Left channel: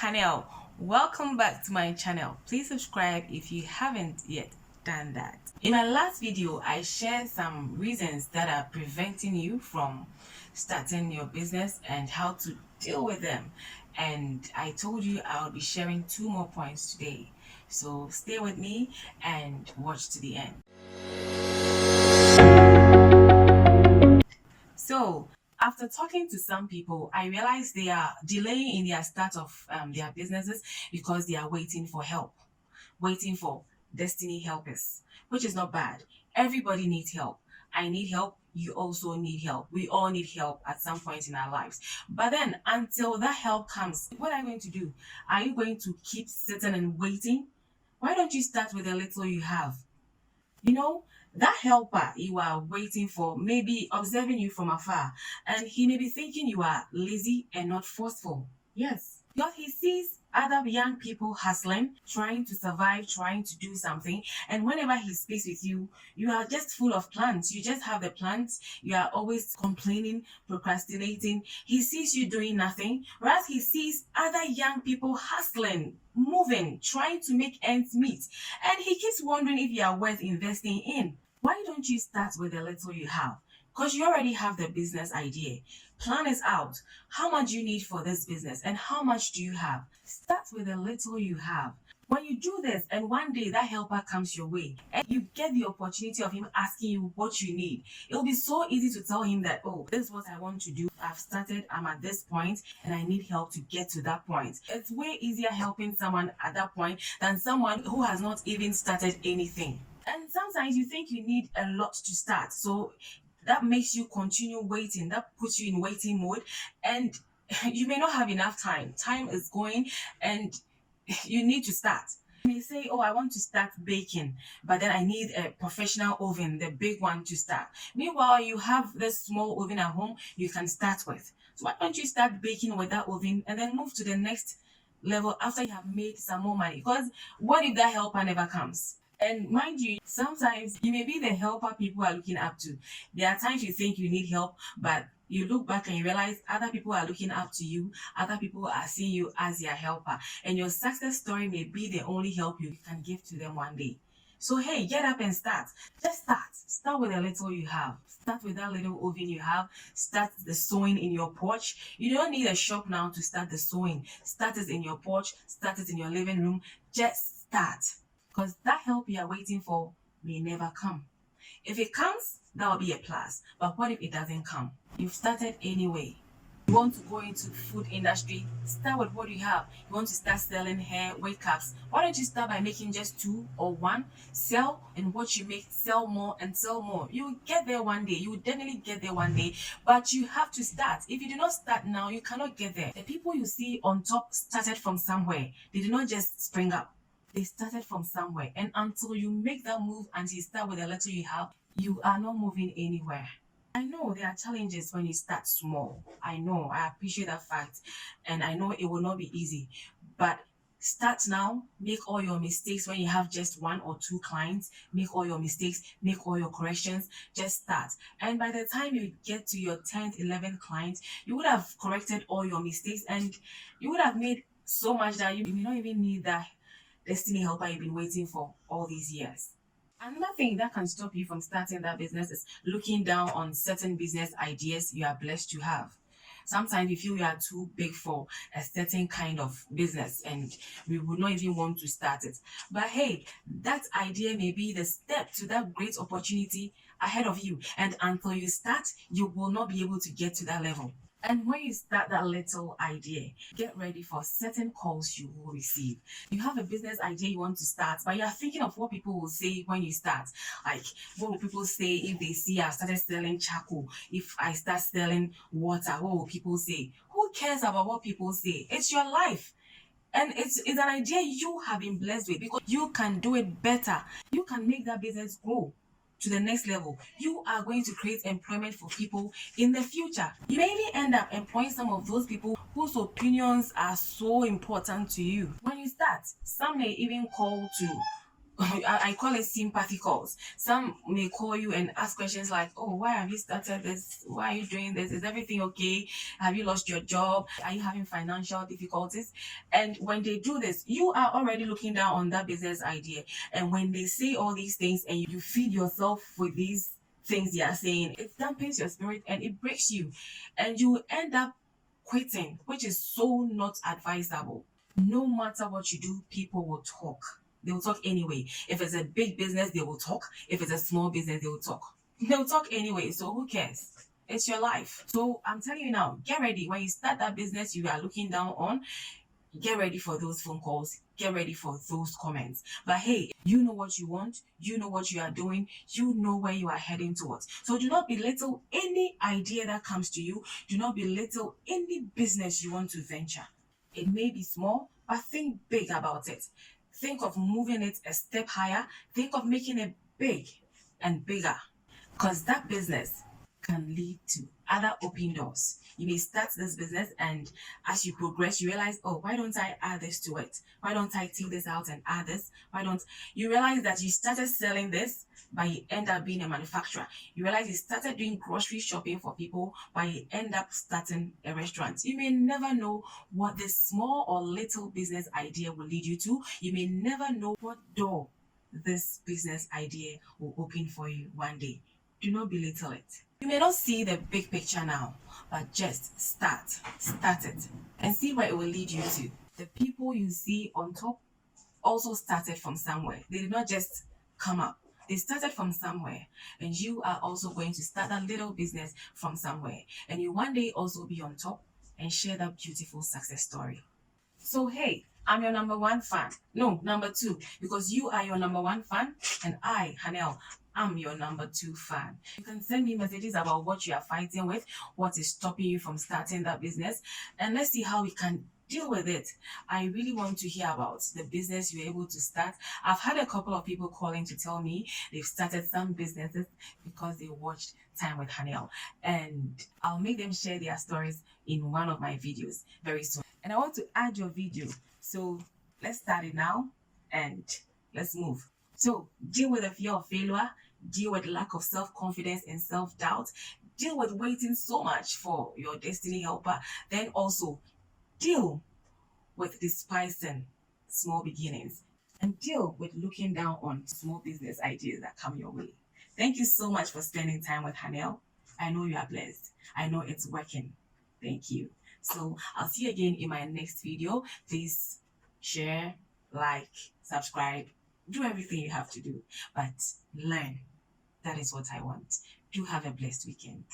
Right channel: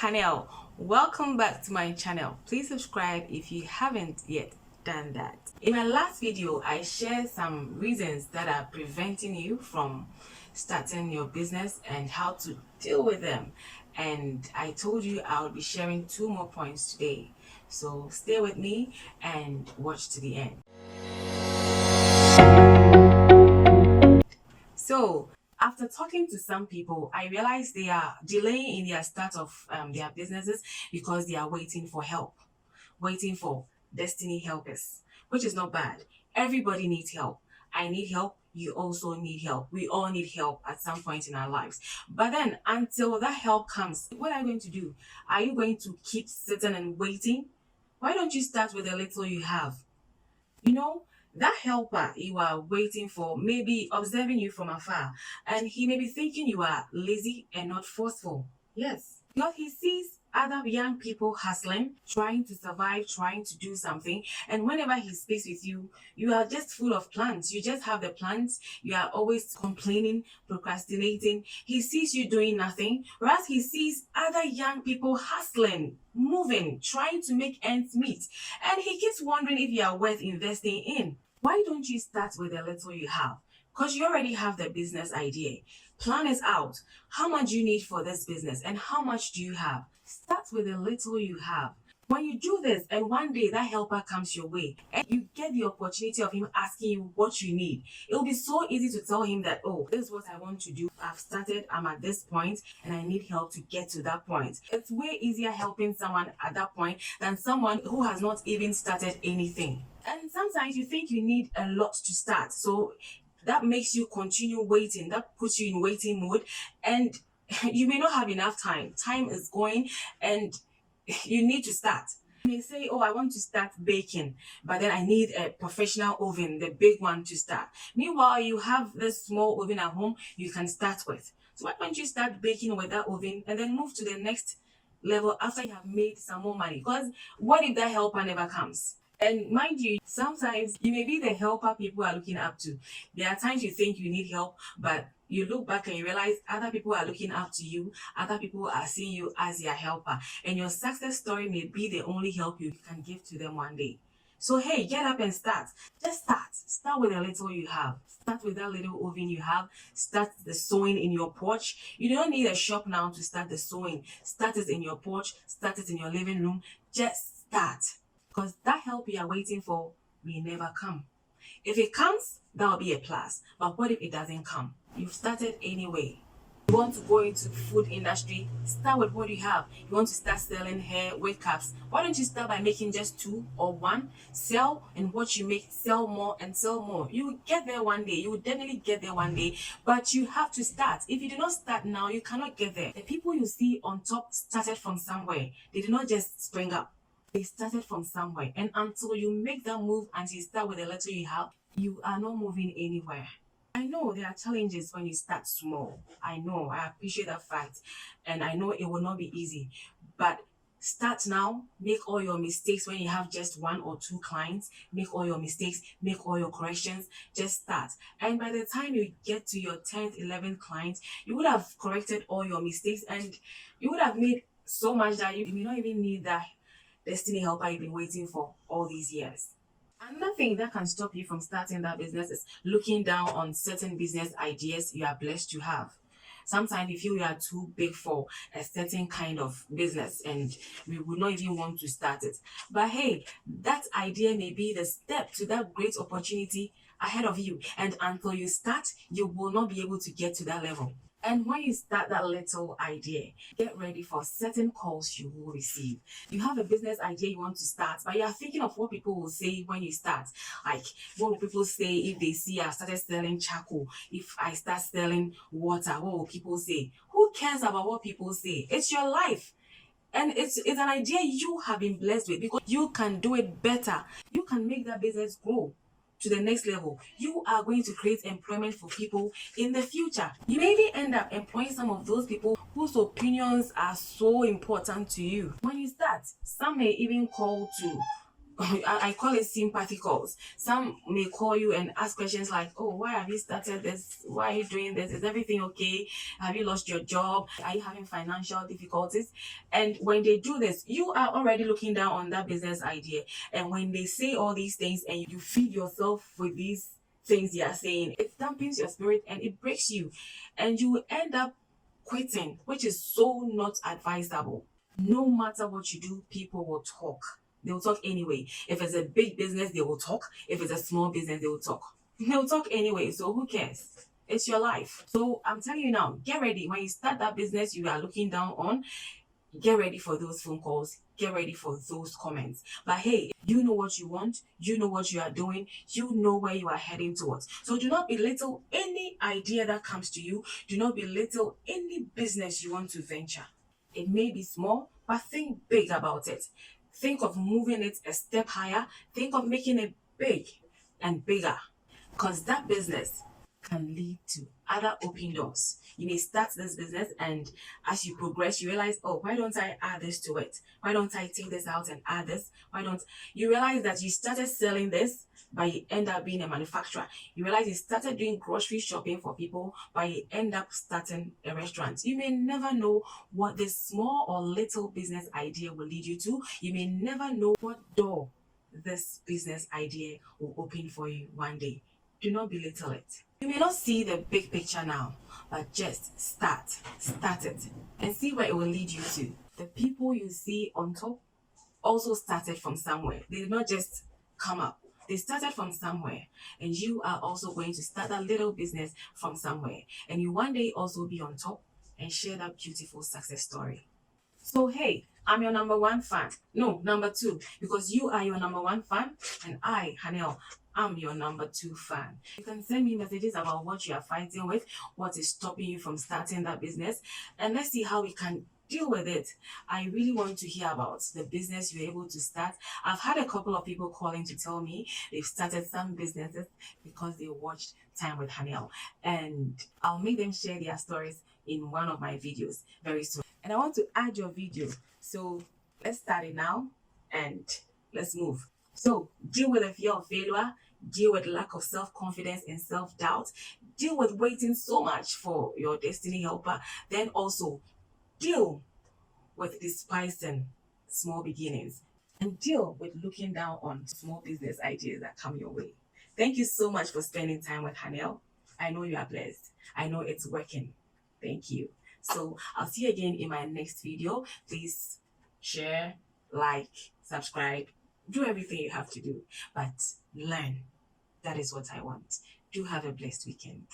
channel. Welcome back to my channel. Please subscribe if you haven't yet done that. In my last video, I shared some reasons that are preventing you from starting your business and how to deal with them. And I told you I'll be sharing two more points today. So stay with me and watch to the end. So, after talking to some people, I realized they are delaying in their start of their businesses because they are waiting for help, waiting for destiny helpers, which is not bad. Everybody needs help. I need help. You also need help. We all need help at some point in our lives. But then, until that help comes, what are you going to do? Are you going to keep sitting and waiting? Why don't you start with the little you have? You know, that helper you are waiting for may be observing you from afar, and he may be thinking you are lazy and not forceful. Yes, because he sees other young people hustling, trying to survive, trying to do something, and whenever he speaks with you, you are just full of plans. You just have the plans. You are always complaining, procrastinating. He sees you doing nothing, whereas he sees other young people hustling, moving, trying to make ends meet, and he keeps wondering if you are worth investing in. Why don't you start with the little you have? Because you already have the business idea. Plan it out. How much you need for this business and how much do you have? Start with the little you have. When you do this and one day that helper comes your way and you get the opportunity of him asking you what you need, it'll be so easy to tell him that, oh, this is what I want to do. I've started, I'm at this point and I need help to get to that point. It's way easier helping someone at that point than someone who has not even started anything. And sometimes you think you need a lot to start. So that makes you continue waiting. That puts you in waiting mode. And you may not have enough time. Time is going and you need to start. You may say, oh, I want to start baking, but then I need a professional oven, the big one to start. Meanwhile, you have this small oven at home you can start with. So why don't you start baking with that oven and then move to the next level after you have made some more money? Because what if that helper never comes? And mind you, sometimes you may be the helper people are looking up to. There are times you think you need help, but you look back and you realize other people are looking up to you, other people are seeing you as their helper, and your success story may be the only help you can give to them one day. So hey, get up and start. Just start. Start with a little you have. Start with that little oven you have. Start the sewing in your porch. You don't need a shop now to start the sewing. Start it in your porch. Start it in your living room. Just start. Because that help you are waiting for may never come. If it comes, that will be a plus. But what if it doesn't come? You've started anyway. You want to go into food industry, start with what you have. You want to start selling hair, wig caps. Why don't you start by making just two or one? Sell, and what you make, sell more and sell more. You will get there one day. You will definitely get there one day. But you have to start. If you do not start now, you cannot get there. The people you see on top started from somewhere. They did not just spring up. They started from somewhere, and until you make that move and you start with the little you have, you are not moving anywhere. I know there are challenges when you start small. I know, I appreciate that fact, and I know it will not be easy, but start now. Make all your mistakes when you have just one or two clients. Make all your mistakes, make all your corrections. Just start, and by the time you get to your 10th 11th client, you would have corrected all your mistakes and you would have made so much that you may not even need that destiny helper you've been waiting for all these years. Another thing that can stop you from starting that business is looking down on certain business ideas you are blessed to have. Sometimes you feel you are too big for a certain kind of business and we would not even want to start it. But hey, that idea may be the step to that great opportunity ahead of you. And until you start, you will not be able to get to that level. And when you start that little idea, get ready for certain calls you will receive. You have a business idea you want to start, but you are thinking of what people will say when you start. Like, what will people say if they see I started selling charcoal? If I start selling water, what will people say? Who cares about what people say? It's your life. And it's an idea you have been blessed with because you can do it better. You can make that business grow to the next level. You are going to create employment for people in the future. You may even end up employing some of those people whose opinions are so important to you. When you start, some may even call to I call it sympathy calls. Some may call you and ask questions like, oh, why have you started this? Why are you doing this? Is everything okay? Have you lost your job? Are you having financial difficulties? And when they do this, you are already looking down on that business idea. And when they say all these things and you feed yourself with these things they are saying, it dampens your spirit and it breaks you. And you end up quitting, which is so not advisable. No matter what you do, people will talk. They will talk anyway. If it's a big business, they will talk. If it's a small business, they will talk. They'll talk anyway, so who cares? It's your life. So I'm telling you now, get ready. When you start that business you are looking down on, get ready for those phone calls, get ready for those comments. But hey, you know what you want, you know what you are doing, you know where you are heading towards. So do not belittle any idea that comes to you, do not belittle any business you want to venture. It may be small, but think big about it. Think of moving it a step higher, think of making it big and bigger, because that business can lead to other open doors. You may start this business, and as you progress, you realize, oh, why don't I add this to it? Why don't I take this out and add this? Why don't you realize that you started selling this, but you end up being a manufacturer? You realize you started doing grocery shopping for people, but you end up starting a restaurant. You may never know what this small or little business idea will lead you to. You may never know what door this business idea will open for you one day. Do not belittle it. You may not see the big picture now, but just start it, and see where it will lead you to. The people you see on top also started from somewhere. They did not just come up. They started from somewhere, and you are also going to start a little business from somewhere, and you one day also be on top and share that beautiful success story. So hey, I'm your number one fan. No, number two, because you are your number one fan, and I, Hanel, I'm your number two fan. You can send me messages about what you are fighting with, what is stopping you from starting that business, and let's see how we can deal with it. I really want to hear about the business you're able to start. I've had a couple of people calling to tell me they've started some businesses because they watched Time with Hanel, and I'll make them share their stories in one of my videos very soon. And I want to add your video. So let's start it now and let's move. So deal with the fear of failure, deal with lack of self-confidence and self-doubt, deal with waiting so much for your destiny helper, then also deal with despising small beginnings, and deal with looking down on small business ideas that come your way. Thank you so much for spending time with Hanel. I know you are blessed. I know it's working. Thank you. So I'll see you again in my next video. Please share, like, subscribe, do everything you have to do, but learn. That is what I want. Do have a blessed weekend.